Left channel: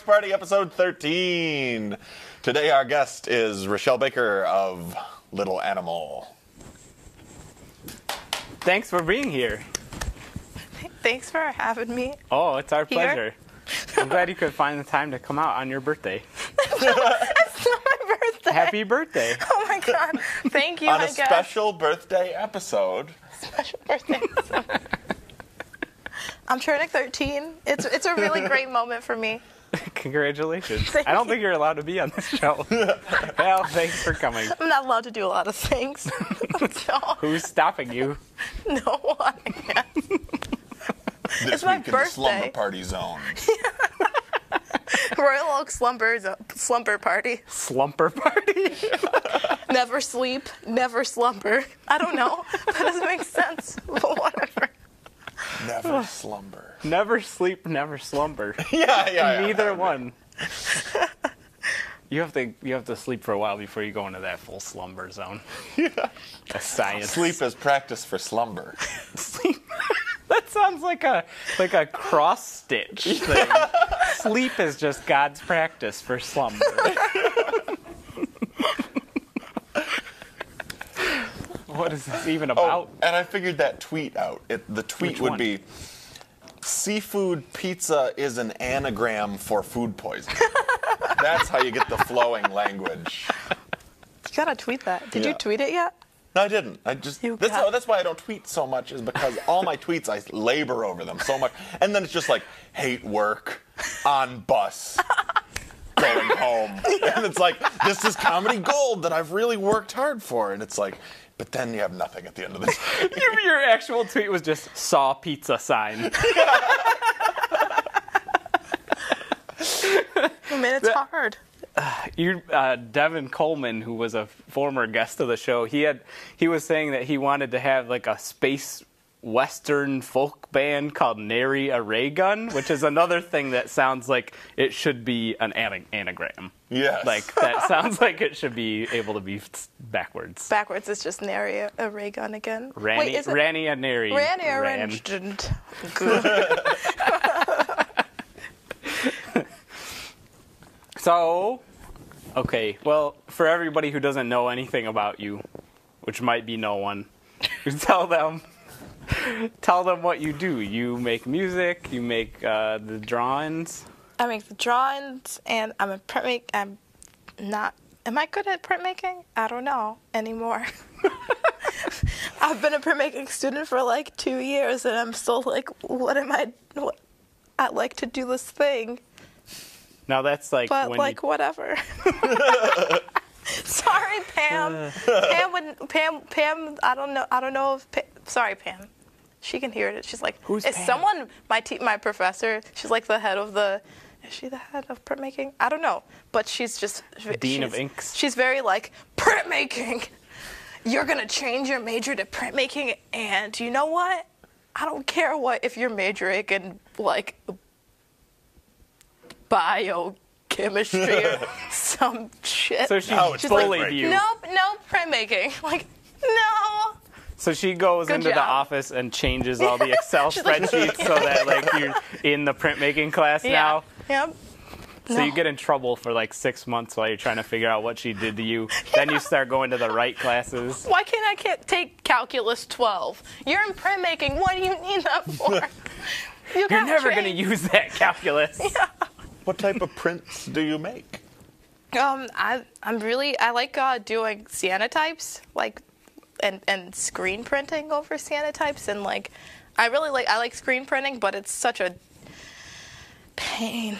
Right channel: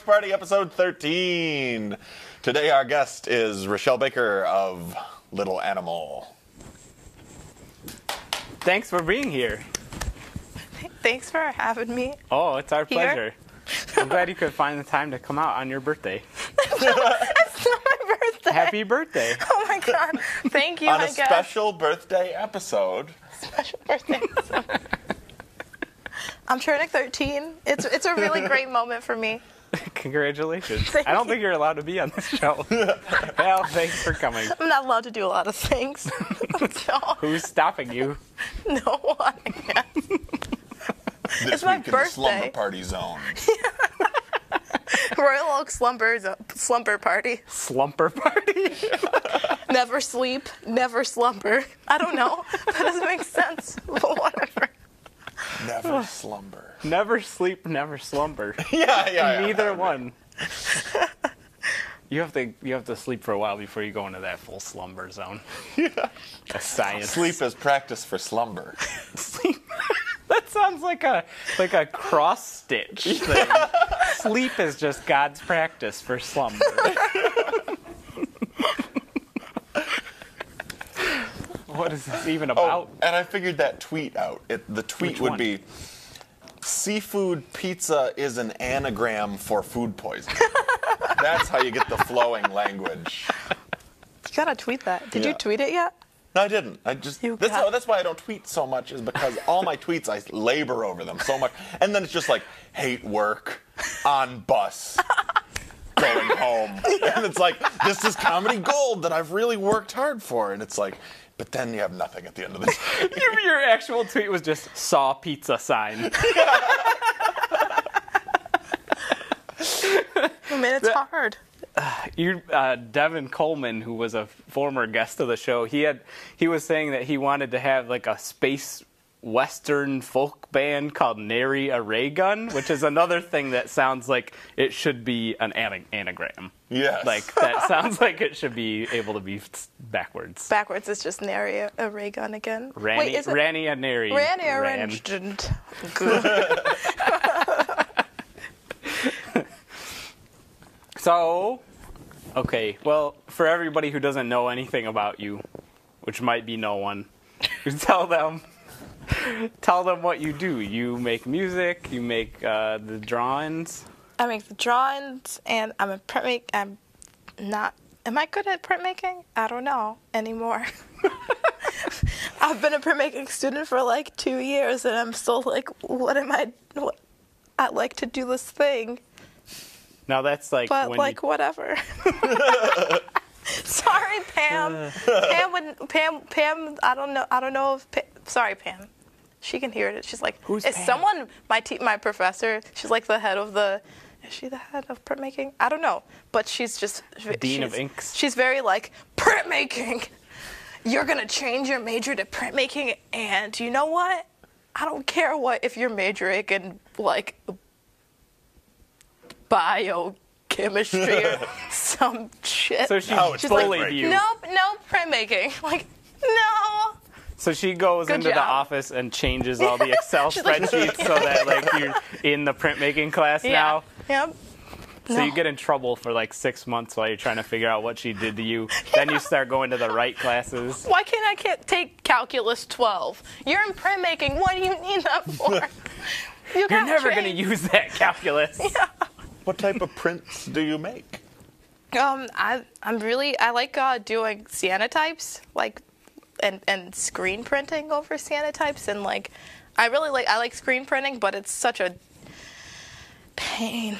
Watch Party, episode 13. Today our guest is Rachelle Baker of Little Animal. Thanks for being here. Thanks for having me. Oh, it's our Here? pleasure. I'm glad you could find the time to come out on your birthday. It's not my birthday. Happy birthday. Oh my god. Thank you, On I a guess. special birthday episode. Special birthday. I'm turning 13. It's a really great moment for me. Congratulations. Thank I don't you. think you're allowed to be on this show. Well, thanks for coming. I'm not allowed to do a lot of things. So, Who's stopping you? no one. This It's my week in the slumber birthday. party zone. Royal Oak slumber party. Slumper party? Never sleep, never slumber. I don't know. That doesn't make sense. But whatever. Never slumber. Never sleep, never slumber. Yeah. Neither one. You have to sleep for a while before you go into that full slumber zone. That's science. Sleep is practice for slumber. Sleep. That sounds like a cross stitch thing. Sleep is just God's practice for slumber. What is this even about? Oh, and I figured that tweet out. The tweet Which would one? be, seafood pizza is an anagram for food poisoning. That's how you get the flowing language. You gotta tweet that. Did Yeah. you tweet it yet? No, I didn't. That's why I don't tweet so much, is because all my tweets, I labor over them so much. And then it's just like, hate work, on bus, going home. And it's like, this is comedy gold that I've really worked hard for. And it's like, but then you have nothing at the end of the day. Your actual tweet was just saw pizza sign. I mean, it's hard. Devin Coleman, who was a former guest of the show, he was saying that he wanted to have like a space western folk band called Nary a Ray Gun, which is another thing that sounds like it should be an anagram. Yes. Like that sounds like it should be able to be backwards. Backwards is just nary a ray gun again. Ranny, Wait, is it Ranny and Nary. Ranny or Ran. So, okay, well, for everybody who doesn't know anything about you, which might be no one, tell them what you do. You make music, you make the drawings. I make the drawings, and I'm a printmaker. Am I good at printmaking? I don't know anymore. I've been a printmaking student for like 2 years, and I'm still like, I like to do this thing, Now that's like but when like whatever. Sorry, Pam. Pam. I don't know if. Sorry, Pam. She can hear it. She's like, Who's is Pam? someone my professor? She's like the head of the. Is she the head of printmaking? I don't know, but she's just Dean of Inks. She's very like printmaking. You're gonna change your major to printmaking, and you know what? I don't care what if you're majoring in like biochemistry or some shit. So she She's bullied like, you. no printmaking. Like, no. So she goes Good into job. the office and changes all the Excel spreadsheets so that like you're in the printmaking class now. Yep. So No. you get in trouble for like 6 months while you're trying to figure out what she did to you. Then you start going to the right classes. Why can't I take calculus 12? You're in printmaking. What do you need that for? You're never going to use that calculus. What type of prints do you make? I like doing cyanotypes, like, and screen printing over cyanotypes, and like, I like screen printing, but it's such a pain.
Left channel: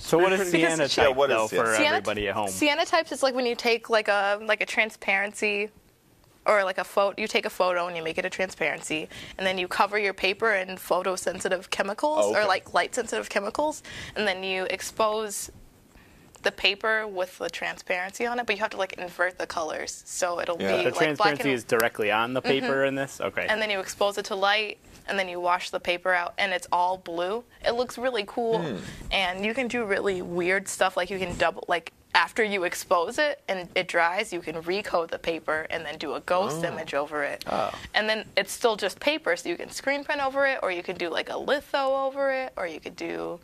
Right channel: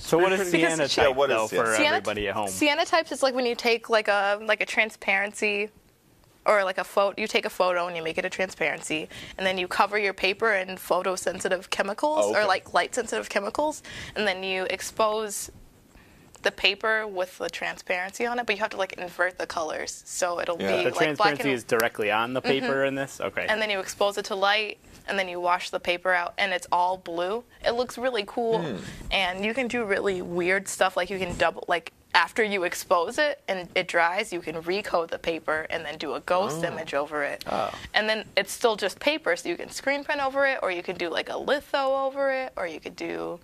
So what is Because- cyanotype, Yeah, what is though, it? for everybody at home? Cyanotypes is like when you take like a transparency, or like a photo. You take a photo and you make it a transparency, and then you cover your paper in photosensitive chemicals, Oh, okay. or like light-sensitive chemicals, and then you expose the paper with the transparency on it, but you have to like invert the colors, so it'll Yeah. be The like black transparency and is directly on the paper in this? Okay. and then you expose it to light, and then you wash the paper out, and it's all blue. It looks really cool, and you can do really weird stuff, like you can after you expose it and it dries, you can recode the paper and then do a ghost image over it. And then it's still just paper, so you can screen print over it, or you can do like a litho over it, or you could do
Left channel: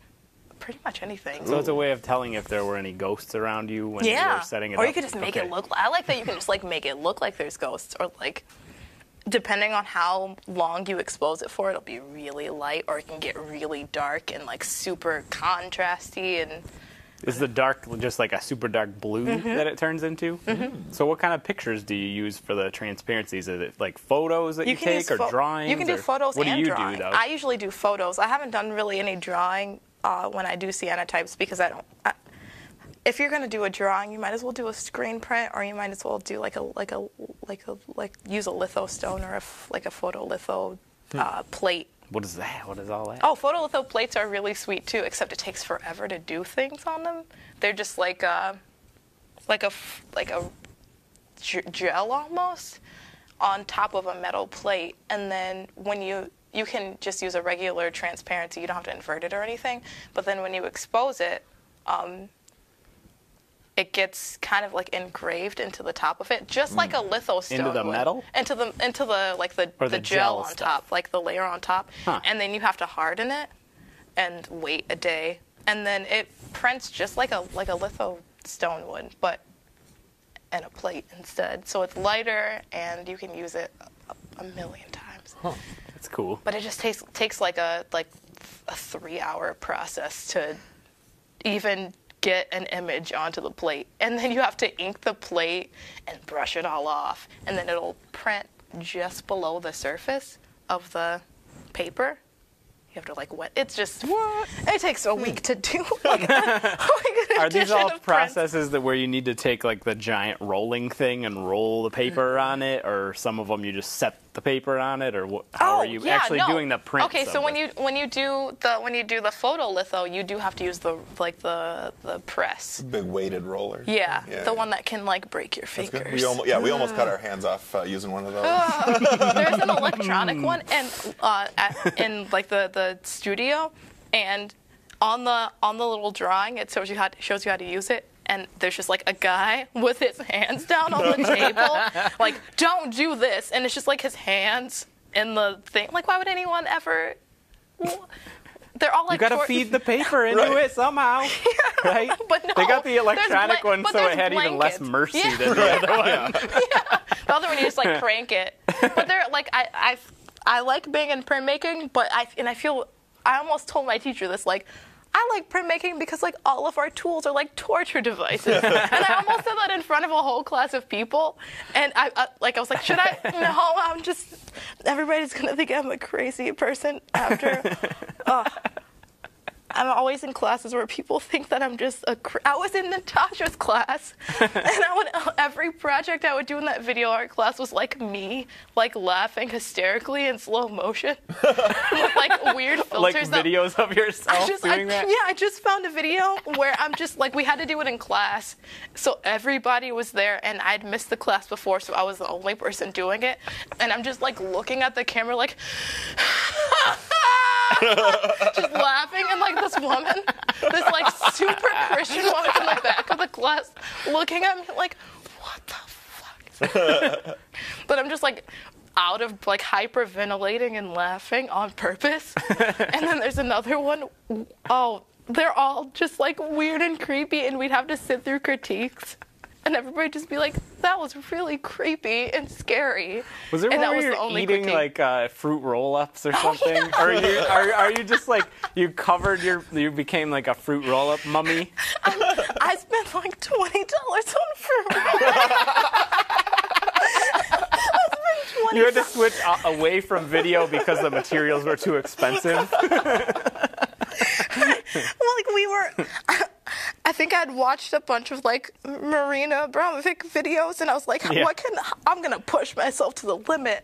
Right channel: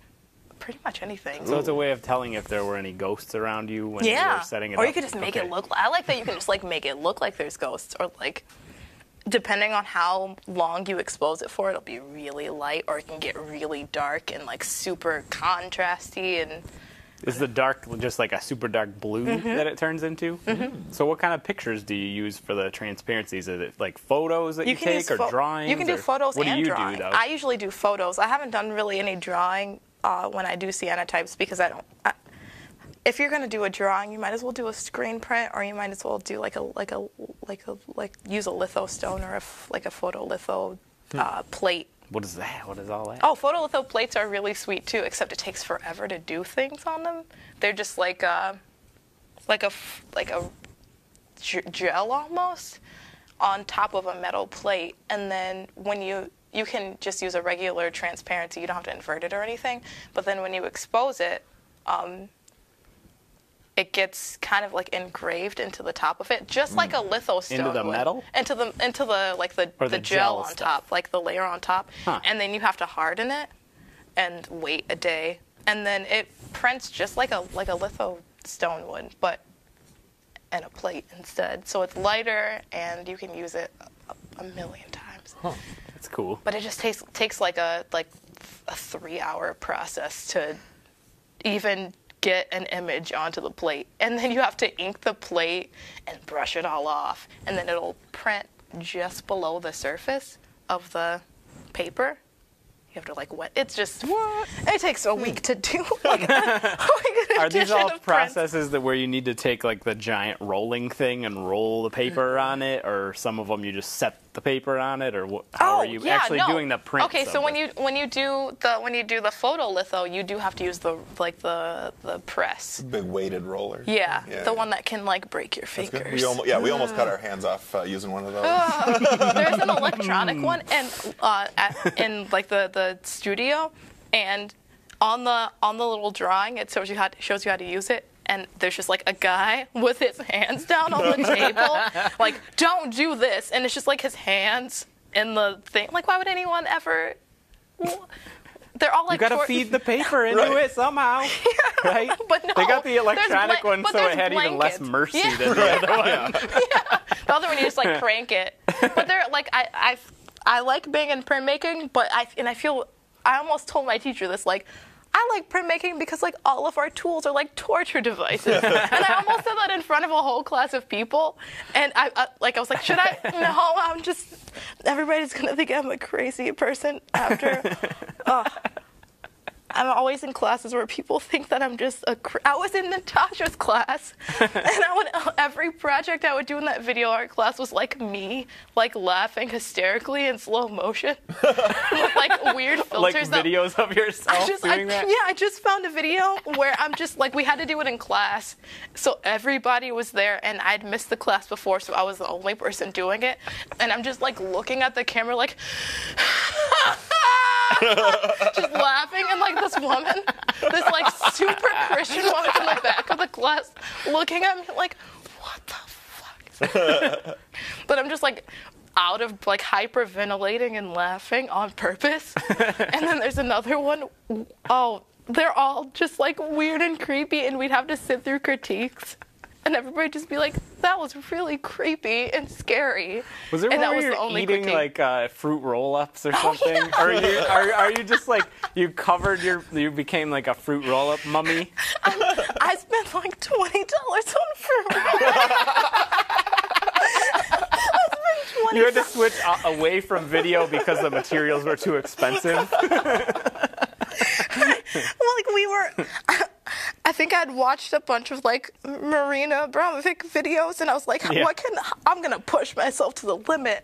pretty much anything. So it's a way of telling if there were any ghosts around you when you Yeah. were setting it Or up. you could just make it look. I like that you can just like make it look like there's ghosts, or like depending on how long you expose it for, it'll be really light, or it can get really dark and like super contrasty. And Is the dark just like a super dark blue that it turns into? So what kind of pictures do you use for the transparencies? Is it like photos that you can take, use or drawings? You can do or photos what and do you drawing. do, though? I usually do photos. I haven't done really any drawing when I do cyanotypes, because I don't. If you're gonna do a drawing, you might as well do a screen print, or you might as well do like use a litho stone, or like a photolitho plate. What is that? What is all that? Oh, photolitho plates are really sweet too, except it takes forever to do things on them. They're just like a gel almost on top of a metal plate, and then when you can just use a regular transparency. You don't have to invert it or anything. But then when you expose it, it gets kind of like engraved into the top of it, just like a litho stone Into the would. metal? Into the like the Or the gel gel on stuff? top, like the layer on top, Huh. and then you have to harden it and wait a day, and then it prints just like a litho stone would, but in a plate instead. So it's lighter, and you can use it a million times. Huh. That's cool. But it just takes like a 3-hour process to even get an image onto the plate, and then you have to ink the plate and brush it all off, and then it'll print just below the surface of the paper. You have to like wet. It's just it takes a week to do. Are these all processes where you need to take like the giant rolling thing and roll the paper on it, or some of them you just set the paper on it, or how are you actually doing the print? Okay, so when you do the photolitho, you do have to use the press. Big weighted roller. Yeah, the one that can like break your That's good. fingers. We almost cut our hands off using one of those. There's an electronic one, and in like the studio, and on the little drawing, it shows you how to use it. And there's just like a guy with his hands down on the table, like, don't do this. And it's just like his hands in the thing. Like, why would anyone ever? They're all like. You gotta feed the paper into it somehow, right? But no, they got the electronic one, so it had even less blankets. mercy than the other one. The other one you just like crank it. But they're like I like being in printmaking, but I almost told my teacher this, like, I like printmaking because like all of our tools are like torture devices. And I almost said that in front of a whole class of people, and I was like, should I? No, I'm just. Everybody's gonna think I'm a crazy person after. I'm always in classes where people think that I'm just I was in Natasha's class, and every project I would do in that video art class was like me, like laughing hysterically in slow motion, with like weird filters. Like videos of yourself doing that? Yeah, I just found a video where I'm just like, we had to do it in class, so everybody was there, and I'd missed the class before, so I was the only person doing it, and I'm just like looking at the camera like. Just laughing, and like this woman, this like super Christian woman in the back of the class, looking at me like, what the fuck? But I'm just like out of like hyperventilating and laughing on purpose. And then there's another one. Oh, they're all just like weird and creepy, and we'd have to sit through critiques. And everybody just be like, that was really creepy and scary. Was there and one that where was you're the only eating critique. like fruit roll-ups or something? Yeah. Or are you just like, you became like a fruit roll-up mummy? I spent like $20 on fruit roll-ups. You had to switch away from video because the materials were too expensive? Well, like we were, I think I'd watched a bunch of like Marina Abramovic videos, and I was like, Yeah. I'm gonna push myself to the limit.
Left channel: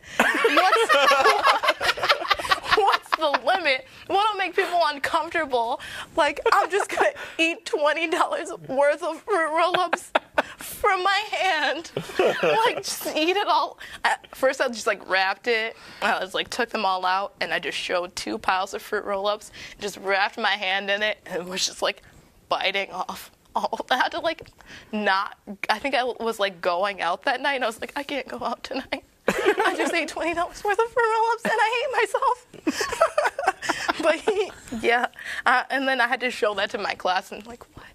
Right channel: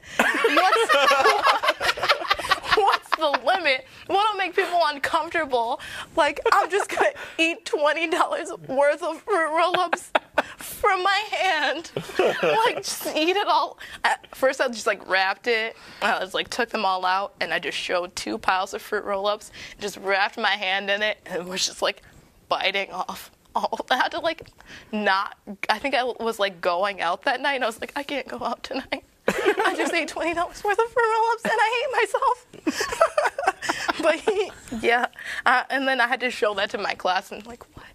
What's the limit? What'll make people uncomfortable? Like, I'm just gonna eat $20 worth of fruit roll-ups from my hand. Like, just eat it all. At first, I just like wrapped it. I just like took them all out, and I just showed 2 piles of fruit roll-ups. Just wrapped my hand in it, and was just like biting off. I had to like not. I think I was like going out that night, and I was like, I can't go out tonight. I just ate $20 worth of fruit roll-ups, and I hate myself. But Yeah. And then I had to show that to my class, and like, what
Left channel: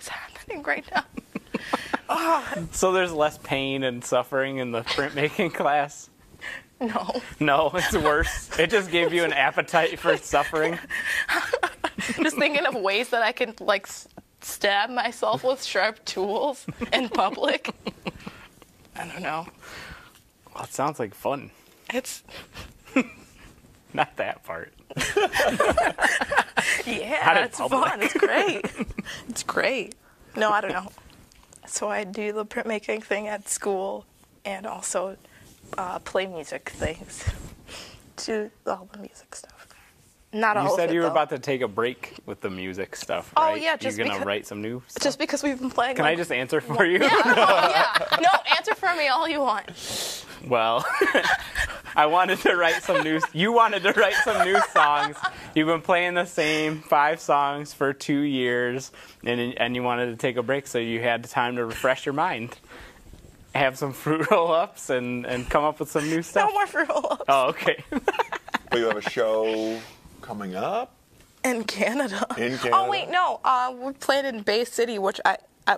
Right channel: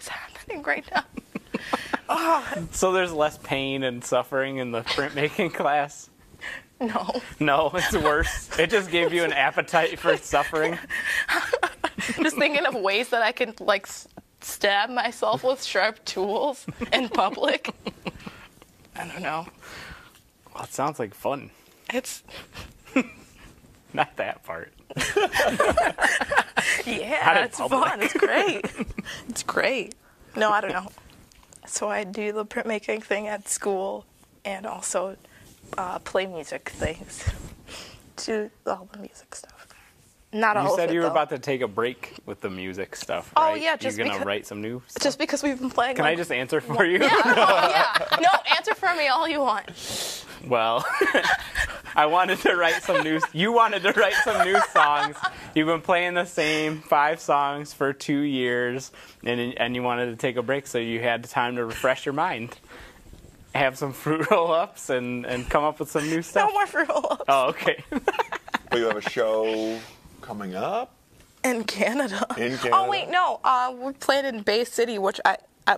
is happening right now? So there's less pain and suffering in the printmaking class? No. No, it's worse. It just gave you an appetite for suffering. Just thinking of ways that I can, like, stab myself with sharp tools in public. I don't know. Well, it sounds like fun. It's... Not that part. Yeah, it's fun. It's great. It's great. No, I don't know. So I do the printmaking thing at school and also play music things. Do all the music stuff. Not all of it, You said you were though. about to take a break with the music stuff, Oh, right? yeah, just You're going to because- write some new stuff? Just because we've been playing. Can I just answer for you? Yeah, yeah. No, answer for me all you want. Well, I wanted to write some new... You wanted to write some new songs. You've been playing the same 5 songs for 2 years, and you wanted to take a break, so you had time to refresh your mind. Have some fruit roll-ups and come up with some new No stuff. more fruit roll-ups. Oh, okay. But you have a show coming up? In Canada. In Canada? Oh, wait, no. We played in Bay City, which I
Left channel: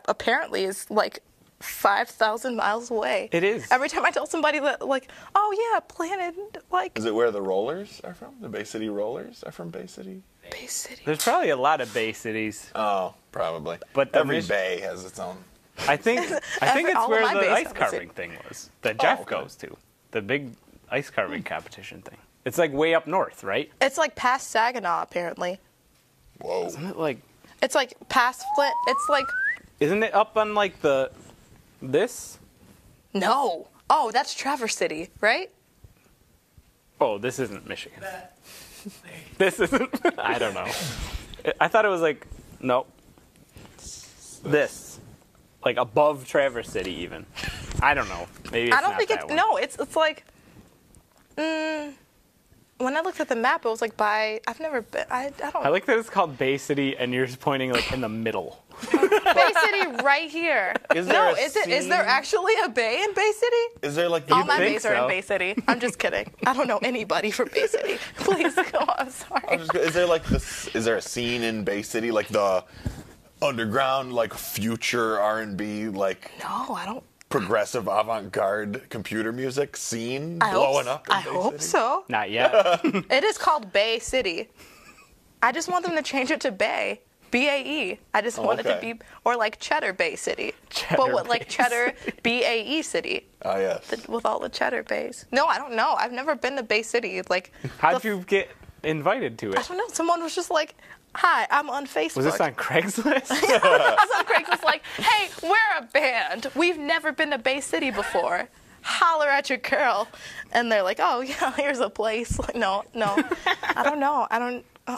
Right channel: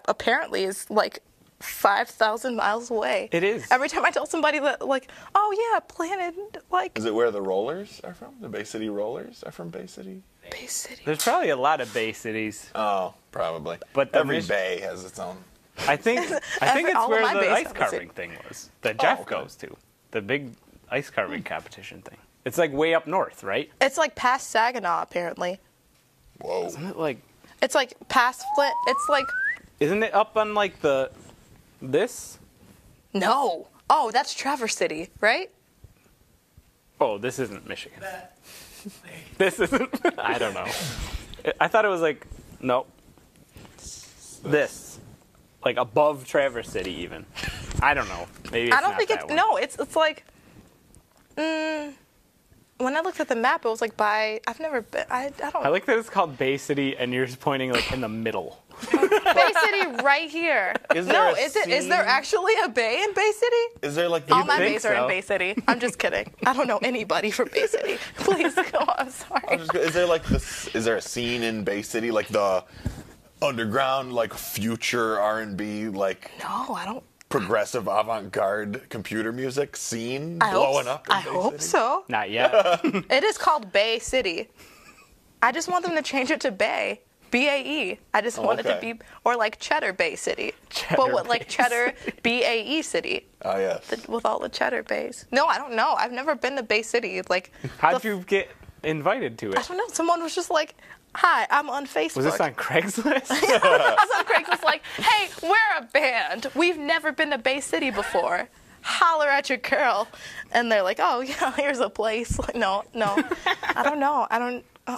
apparently is like 5,000 miles away. It is. Every time I tell somebody that, like, oh, yeah, planted, like, Is it where the Rollers are from? The Bay City Rollers are from Bay City? Bay City. There's probably a lot of Bay cities. Oh, probably. But every bay has its own. I think it's all of where my the bays ice have carving thing was that Jeff okay. goes to. The big ice carving competition thing. It's like way up north, right? It's like past Saginaw, apparently. Whoa. Isn't it like? It's like past Flint. It's like, Isn't it up on like this? no. Oh, that's Traverse City, right? Oh, this isn't Michigan. This isn't. I don't know. I thought it was like nope. This. Like above Traverse City, even. I don't know. Maybe it's I don't not think that it's, one. no, it's like, when I looked at the map, it was like by, I've never been, I don't I like that it's called Bay City, and you're just pointing like in the middle. Bay City right here. Is there No, a is there scene? actually a bay in Bay City? Is there like the All my think bays are in so? Bay City. I'm just kidding. I don't know anybody from Bay City. Please go. I'm sorry. Is there like is there a scene in Bay City like the underground like future R&B like No, I don't. progressive avant-garde computer music scene I blowing hope, up in I Bay hope City? so. Not yet. It is called Bay City. I just want them to change it to Bay. B-A-E. I just want it to okay. be, or like Cheddar Bay City. Cheddar but with like Bay Cheddar B-A-E City. Oh yes. With all the cheddar bays. No, I don't know. I've never been to Bay City. Like, How'd you get invited to I it? don't know. Someone was just like, hi, I'm on Facebook. Was this on Craigslist? Some Craig was like, hey, we're a band. We've never been to Bay City before. Holler at your girl. And they're like, oh, yeah, here's a place. Like, no. I don't know.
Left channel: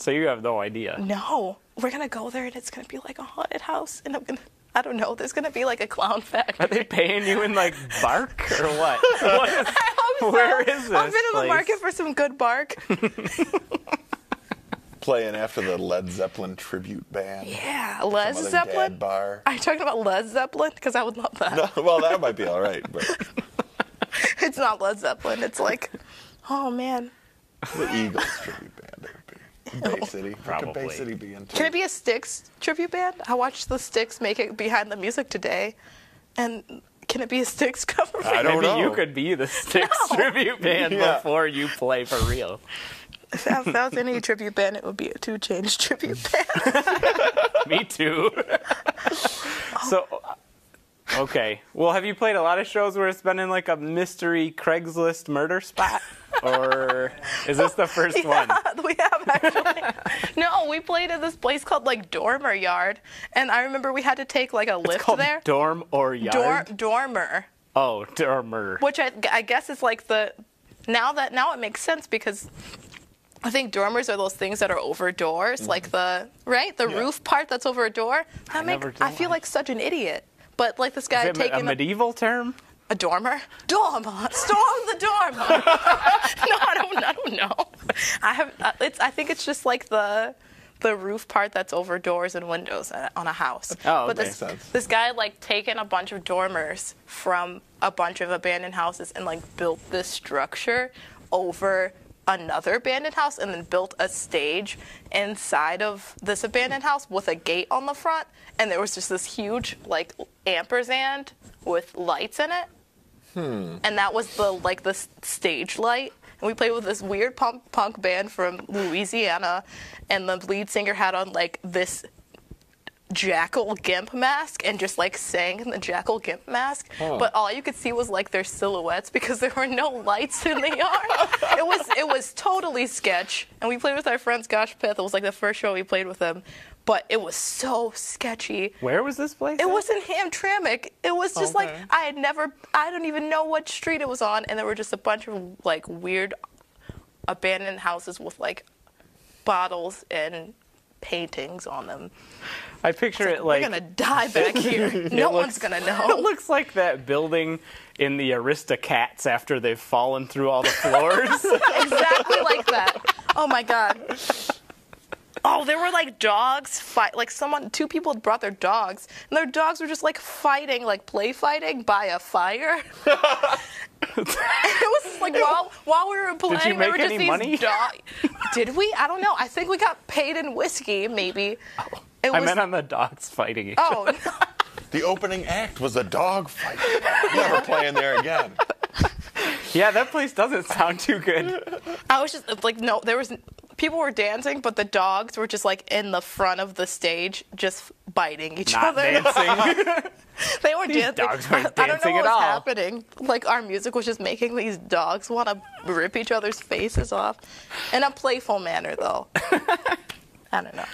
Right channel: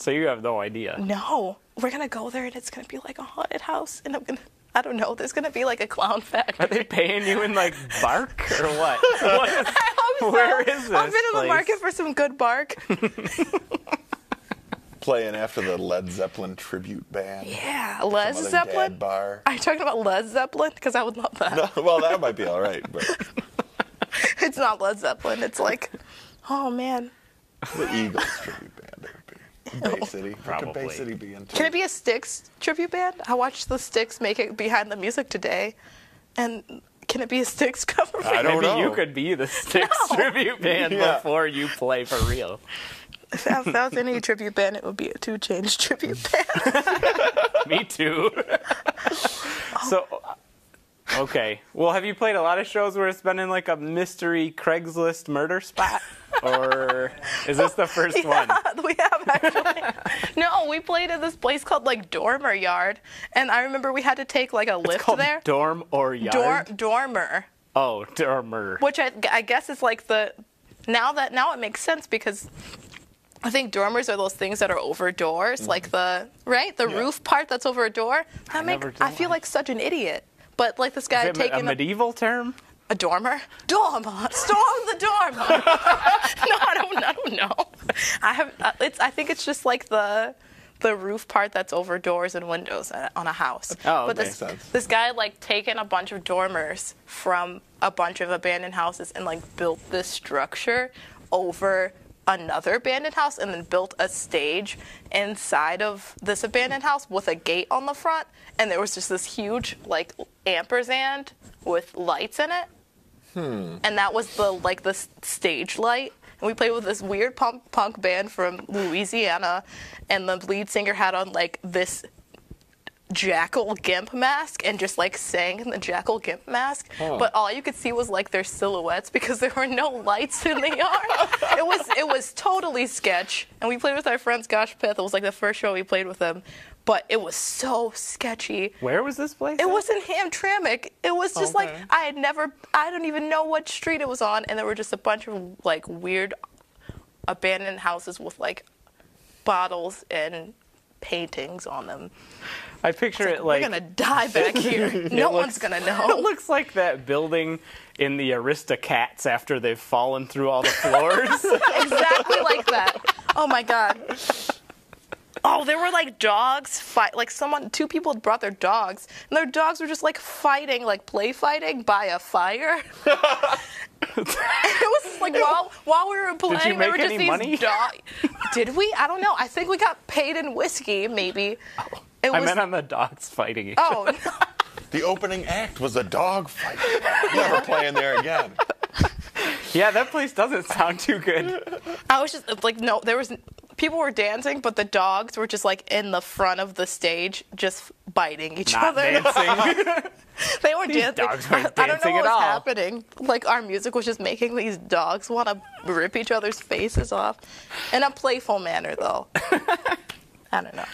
So you have no idea. No. We're going to go there and it's going to be like a haunted house. And I don't know. There's going to be like a clown factory. Are they paying you in like bark or what? What is, I hope so. where is this I've been in the place? market for some good bark. Playing after the Led Zeppelin tribute band. Yeah, Some Led other Zeppelin. dad bar. Are you talking about Led Zeppelin? Because I would love that. Well, that might be all right, but It's not Led Zeppelin. It's like, oh man. the Eagles tribute band it would be. Bay City. Probably. Could Bay City be into? Can it be a Styx tribute band? I watched the Styx make it behind the music today, and can it be a Styx cover band? I don't Maybe know. you could be the Styx No. tribute band Yeah. before you play for real. If that was any tribute band, it would be a 2 Chainz tribute band. Me too. So, okay. Well, have you played a lot of shows where it's been in like a mystery Craigslist murder spot? Or is this the first one? We have actually. No, we played at this place called like Dormer Yard, and I remember we had to take like a lift Called there. Dorm or Yard? Dormer, Oh, Dormer. which I guess is like the now it makes sense because I think dormers are those things that are over doors, like the roof part that's over a door. I feel like such an idiot. But like this guy Is it a taking medieval term? a dormer. Dormer, storm the dormer. No, I don't know. I think it's just like the roof part that's over doors and windows on a house. Oh, but okay. this guy like taken a bunch of dormers from a bunch of abandoned houses and like built this structure over another abandoned house and then built a stage inside of this abandoned house with a gate on the front, and there was just this huge like ampersand with lights in it. And that was the stage light. And we played with this weird punk band from Louisiana, and the lead singer had on like this jackal gimp mask and just like sang in the jackal gimp mask, but all you could see was like their silhouettes because there were no lights in the yard. It was totally sketch, and we played with our friends Gosh Pith. It was like the first show we played with them, but it was so sketchy. Where was this place? It was in Hamtramck. It was just like I don't even know what street it was on, and there were just a bunch of like weird abandoned houses with like bottles and paintings on them. I picture it like... We're going to die back here. No one's going to know. It looks like that building in the Aristocats after they've fallen through all the floors. Exactly like that. Oh, my God. Oh, there were, like, dogs two people had brought their dogs, and their dogs were just, like, fighting, like, play fighting by a fire. It was just, like, while we were playing, Did you make there were just any these money? Did we? I don't know. I think we got paid in whiskey, maybe. I meant on the dogs fighting each other. other. The opening act was a dog fight. Never playing there again. Yeah, that place doesn't sound too good. I was just, like, no, people were dancing, but the dogs were just, like, in the front of the stage, just biting each Not other. dancing. They weren't These dancing. dogs weren't I don't know dancing what at was all. happening. Like, our music was just making these dogs want to rip each other's faces off. In a playful manner, though. I don't know.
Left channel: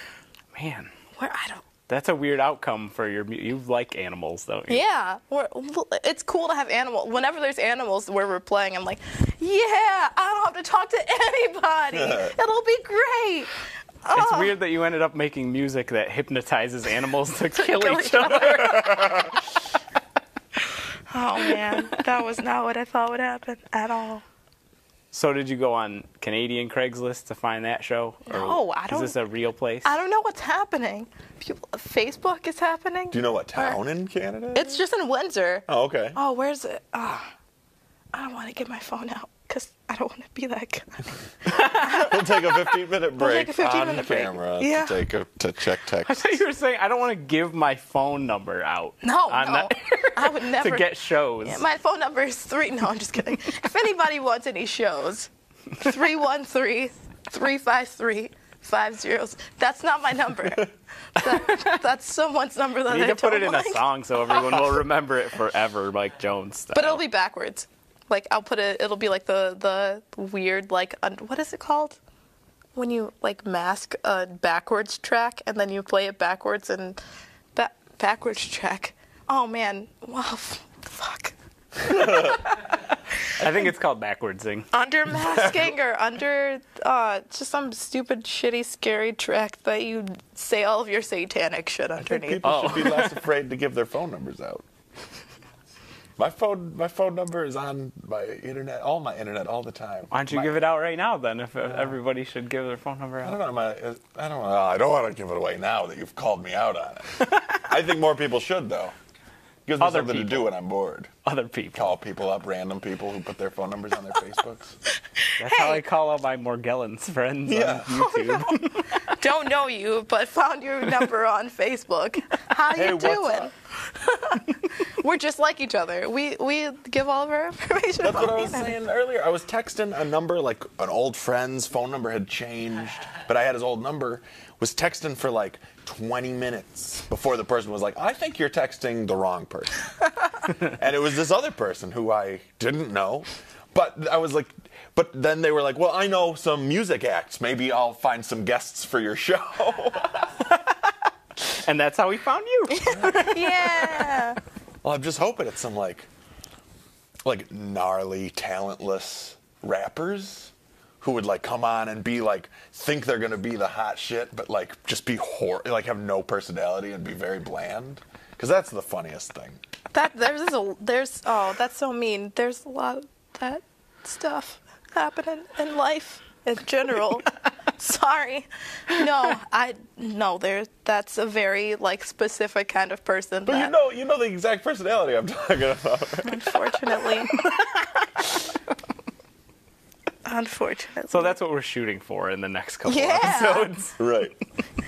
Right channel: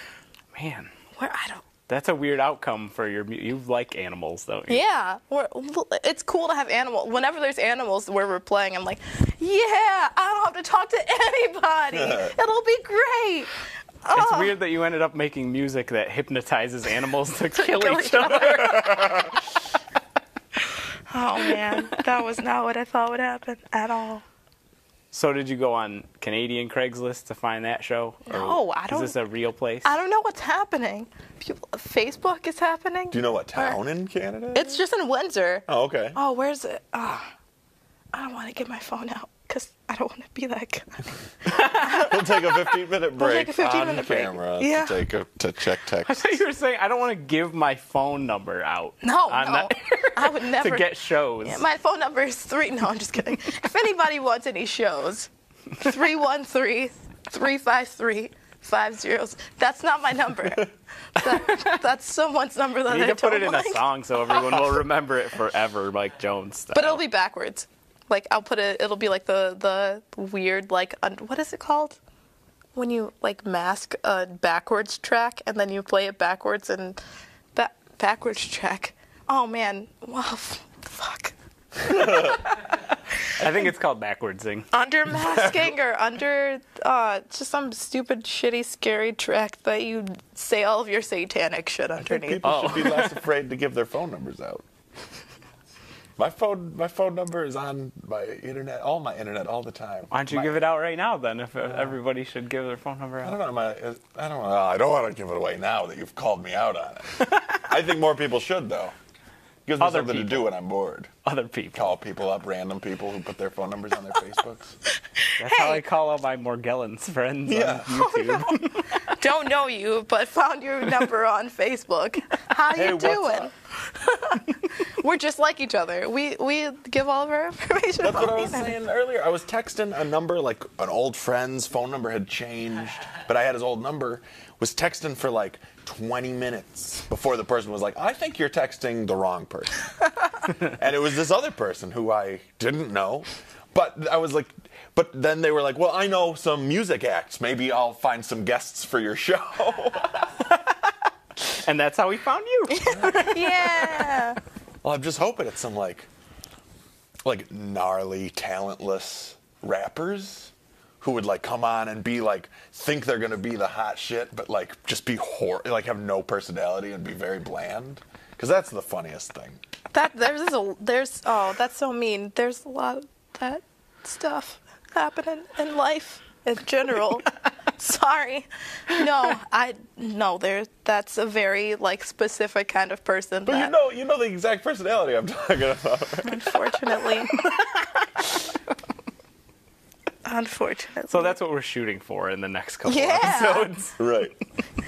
Man. I don't... That's a weird outcome for you like animals, though. Yeah, it's cool to have animals. Whenever there's animals where we're playing, I'm like, yeah, I don't have to talk to anybody. It'll be great. It's weird that you ended up making music that hypnotizes animals to kill each other. Oh, man, that was not what I thought would happen at all. So did you go on Canadian Craigslist to find that show? No, I don't. Is this a real place? I don't know what's happening. Facebook is happening. Do you know what town in Canada? It's just in Windsor. Oh, okay. Oh, where's it? I don't want to get my phone out because I don't want to be that guy. We'll take a 15-minute break We'll take a 15-minute on camera break. to check text. I thought you were saying I don't want to give my phone number out. No, I would never. To get shows. Yeah, my phone number is 3. No, I'm just kidding. If anybody wants any shows, 313-353-50. That's not my number. That's someone's number that You I need don't to put it in like. a song so everyone will remember it forever, Mike Jones style. But it'll be backwards. Like, I'll put it, it'll be like the weird, like, what is it called? When you, like, mask a backwards track and then you play it backwards and backwards track. Oh, man. Wow, fuck. I think it's called backwardsing. Under masking or under just some stupid, shitty, scary track that you say all of your satanic shit underneath. People should be less afraid to give their phone numbers out. My phone number is on my internet, all the time. Why don't you give it out right now, then, if everybody should give their phone number out? I don't want to give it away now that you've called me out on it. I think more people should, though. Gives me Other something people. to do when I'm bored. Other people. Call people up, random people who put their phone numbers on their Facebooks. That's how I call all my Morgellons friends on YouTube. Don't know you, but found your number on Facebook. How Hey, you what's doing? up? We're just like each other. We give all of our information. That's what I was saying earlier. I was texting a number, like an old friend's phone number had changed, but I had his old number. Was texting for like 20 minutes before the person was like, I think you're texting the wrong person. And it was this other person who I didn't know. But I was like, but then they were like, well, I know some music acts. Maybe I'll find some guests for your show. And that's how we found you. Yeah. Well, I'm just hoping it's some like gnarly, talentless rappers who would like come on and be like, think they're gonna be the hot shit, but like just be like have no personality and be very bland. Because that's the funniest thing. That's so mean. There's a lot of that stuff happening in life in general. Sorry. That's a very like specific kind of person. But you know the exact personality I'm talking about. Unfortunately. Unfortunately. So that's what we're shooting for in the next couple Yeah. episodes. Right.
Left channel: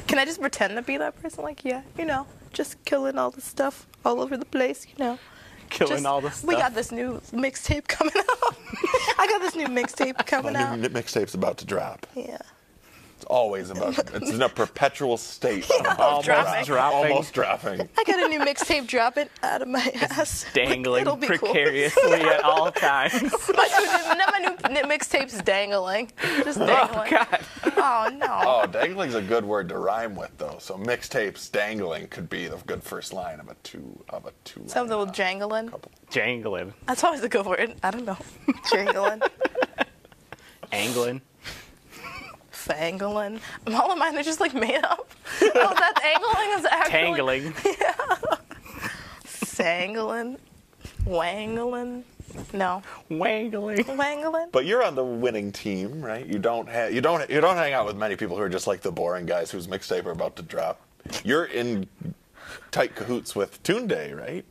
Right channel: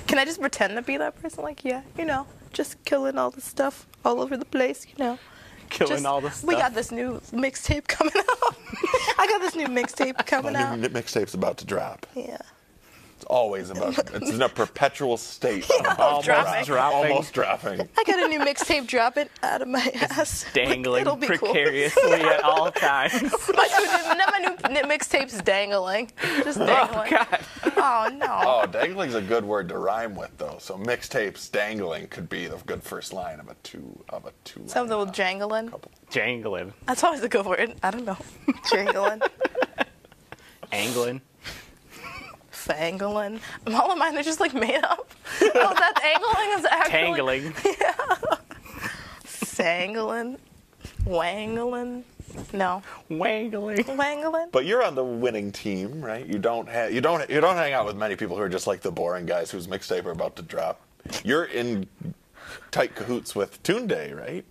Can I just pretend to be that person? Like, yeah, just killing all the stuff all over the place, Killing all the stuff. We got this new mixtape coming out. I got this new mixtape coming out. New mixtape's about to drop. Yeah. It's always about. It's in a perpetual state. Almost dropping. Almost dropping. I got a new mixtape dropping out of my ass. Dangling It'll be cool. precariously at all times. My new mixtape's dangling. Just dangling. Oh, God. Oh, no. Oh, dangling's a good word to rhyme with, though. So mixtapes dangling could be the good first line of a two. Something with jangling. Jangling. That's always a good word. I don't know. Jangling. Angling. Fangling. All of mine are just like made up. Oh, that angling is actually. Tangling. Sangling. Wangling. No. Wangling. Wangling. But you're on the winning team, right? You don't hang out with many people who are just like the boring guys whose mixtape are about to drop. You're in tight cahoots with Tunde, right?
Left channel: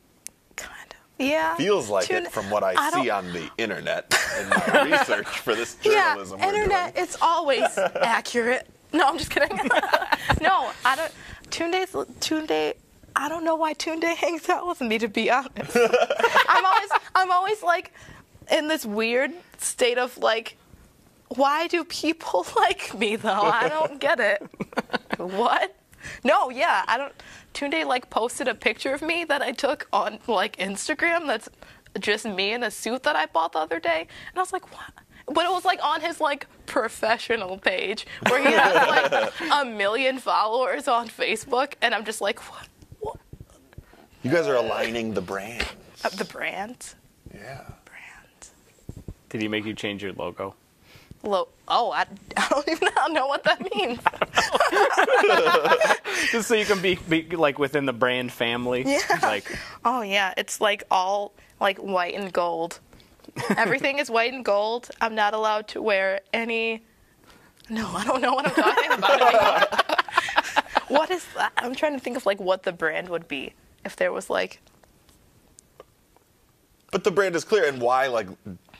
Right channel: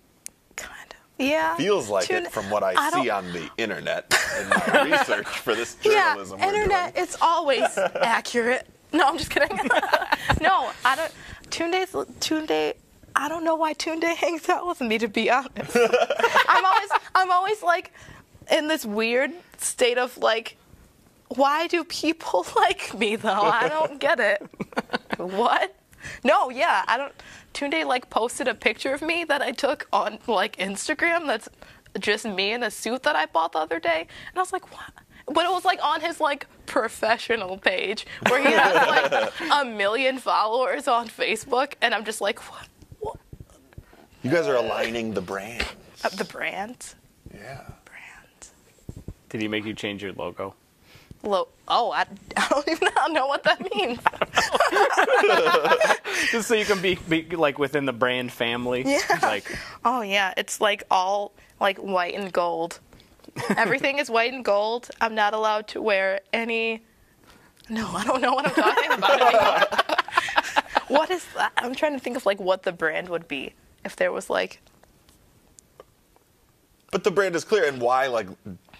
Kind of. Yeah. Feels like it from what I see on the internet in my research for this journalism we're internet, doing. it's always accurate. No, I'm just kidding. No, I don't. Tunde, I don't know why Tunde hangs out with me, to be honest. I'm always like in this weird state of like, why do people like me though? I don't get it. What? No, yeah, I don't. Tunde like posted a picture of me that I took on like Instagram. That's just me in a suit that I bought the other day, and I was like, what? But it was like on his like professional page where he has like 1 million followers on Facebook, and I'm just like, what? You guys are aligning the brands. The brand. Yeah. Brand. Did he make you change your logo? I don't even know what that means. Just so you can be like within the brand family. Yeah. Like, oh yeah, it's like all like white and gold. Everything is white and gold. I'm not allowed to wear any. No, I don't know what I'm talking about anymore. What is that? I'm trying to think of like what the brand would be if there was like. But the brand is clear, and why like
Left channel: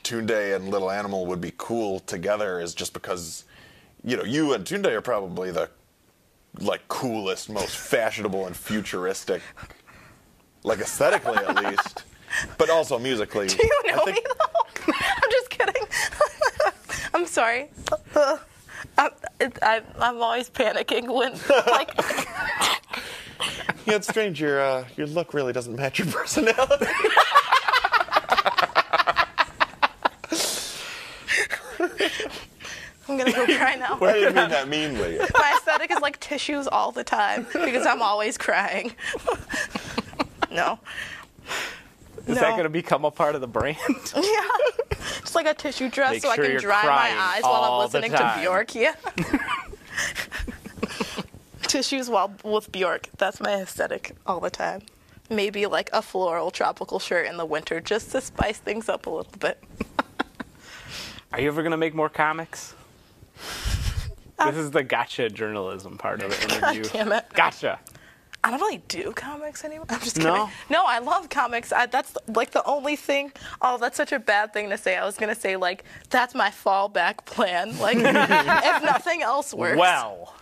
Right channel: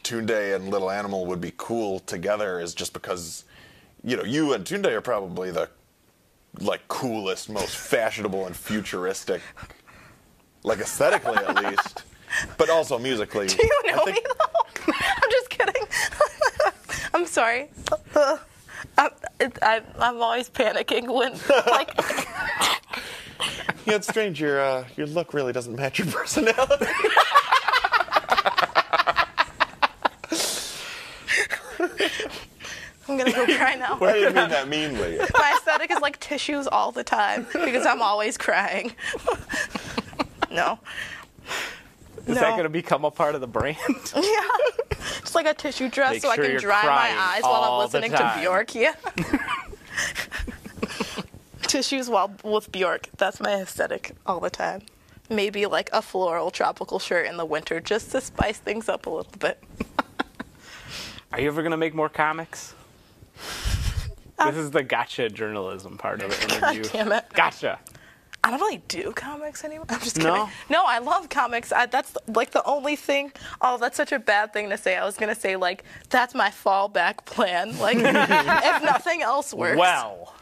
Tunde and Little Animal would be cool together is just because, you and Tunde are probably the like coolest, most fashionable and futuristic, like aesthetically at least, but also musically. Do you know me though? I'm just kidding. I'm sorry. I'm always panicking when like. Yeah, it's strange. Your look really doesn't match your personality. I'm gonna go cry now. Why do you mean that meanly? My aesthetic is like tissues all the time because I'm always crying. No. is that going to become a part of the brand? Yeah. Just like a tissue dress Make so I sure can you're dry my crying eyes while all I'm the listening to time. Bjork. Yeah. Tissues while with Bjork. That's my aesthetic all the time. Maybe like a floral tropical shirt in the winter just to spice things up a little bit. Are you ever going to make more comics? This is the gotcha journalism part of the interview. God damn it. Gotcha. I don't really do comics anymore. I'm just No? kidding. No, I love comics. That's like the only thing. Oh, that's such a bad thing to say. I was going to say, like, that's my fallback plan. Like, if nothing else works. Well.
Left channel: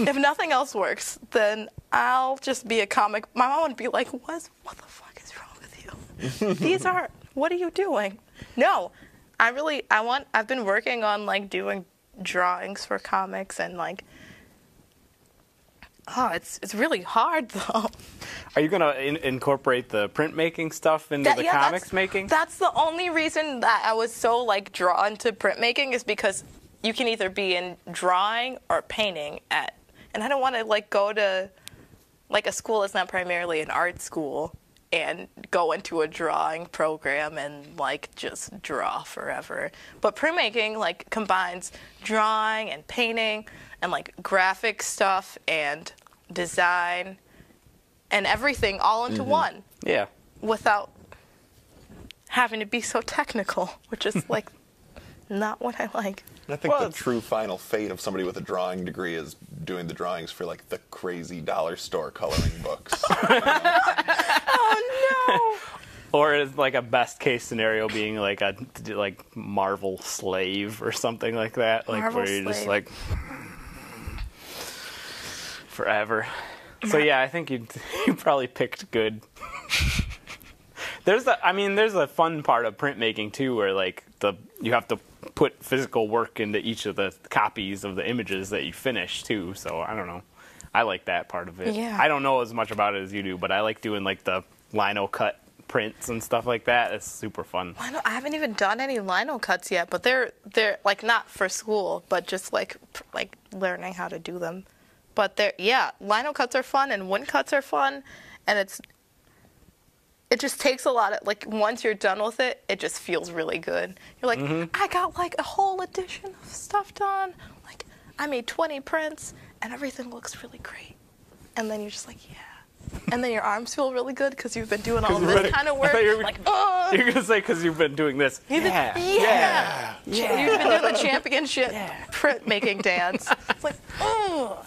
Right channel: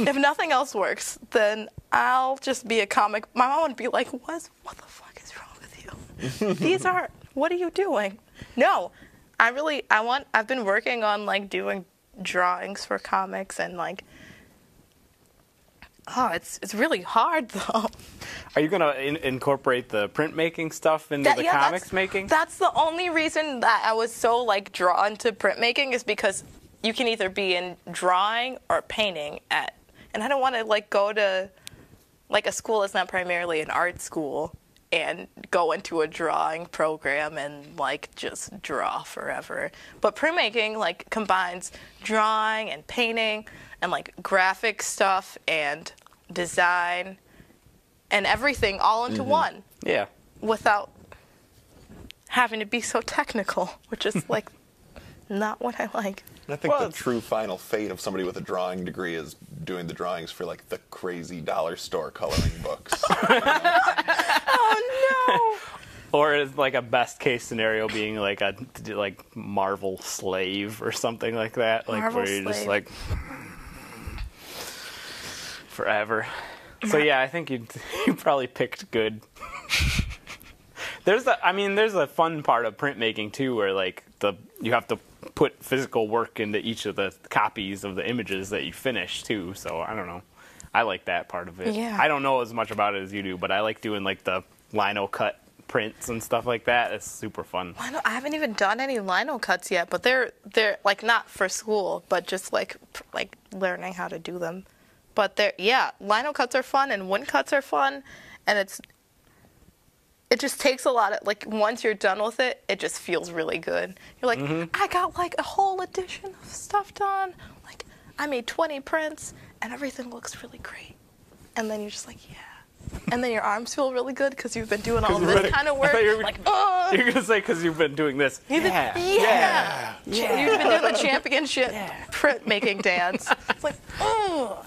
If nothing else works, then I'll just be a comic. My mom would be like, what the fuck is wrong with you? What are you doing? No, I've been working on, like, doing drawings for comics and, like, it's really hard, though. Are you going to incorporate the printmaking stuff into the comics making? That's the only reason that I was so, like, drawn to printmaking is because you can either be in drawing or painting and I don't want to, like, go to, like, a school that's not primarily an art school and go into a drawing program and, like, just draw forever. But printmaking, like, combines drawing and painting and, like, graphic stuff and design and everything all into one. Yeah. Without having to be so technical, which is, like, not what I like. I think the true final fate of somebody with a drawing degree is doing the drawings for, like, the crazy dollar store coloring books. Oh, no. Or is like a best case scenario being like a Marvel slave or something like that, like Marvel where you're just slave. like forever. So yeah, I think you probably picked good. There's a fun part of printmaking too, where like you have to put physical work into each of the copies of the images that you finish too. So I don't know. I like that part of it. Yeah. I don't know as much about it as you do, but I like doing like the lino cut prints and stuff like that. It's super fun. I haven't even done any lino cuts yet, but they're like not for school, but just like learning how to do them. But lino cuts are fun and wood cuts are fun, and it just takes a lot of, like, once you're done with it, it just feels really good. You're like, I got like a whole edition of stuff done. Like, I made 20 prints and everything looks really great. And then you're just like, yeah. And then your arms feel really good because you've been doing all this kind of work. Like, You're going to say because you've been doing this. Yeah. You've been doing the championship printmaking dance. It's like, oh.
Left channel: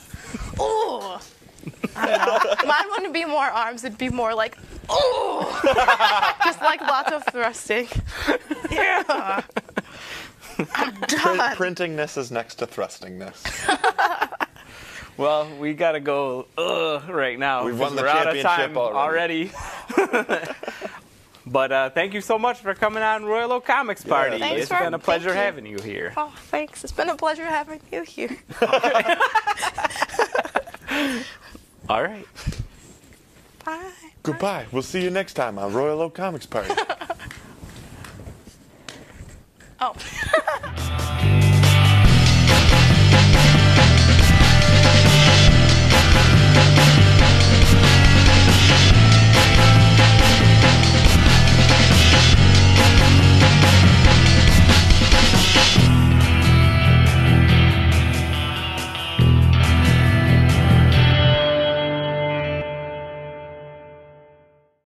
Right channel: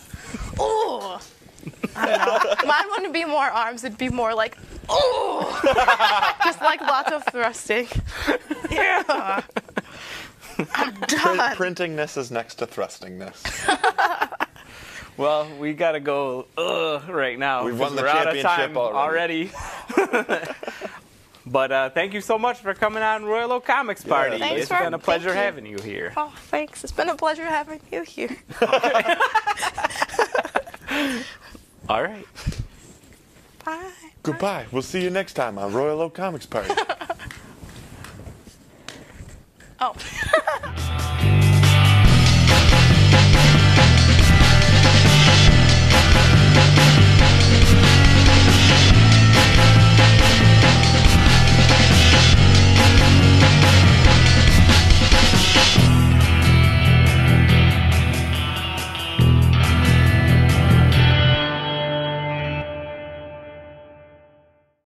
I don't know. Mine wouldn't be more arms. It'd be more like, oh. Just like lots of thrusting. Yeah. I'm done. Printingness is next to thrustingness. Well, we got to go right now. We've won the We're out of championship time already. But thank you so much for coming on Royal Oak Comics Party. Thanks It's for- been a pleasure thank you. having you here. Oh, thanks. It's been a pleasure having you here. All right. Bye. Goodbye. We'll see you next time on Royal Oak Comics Party.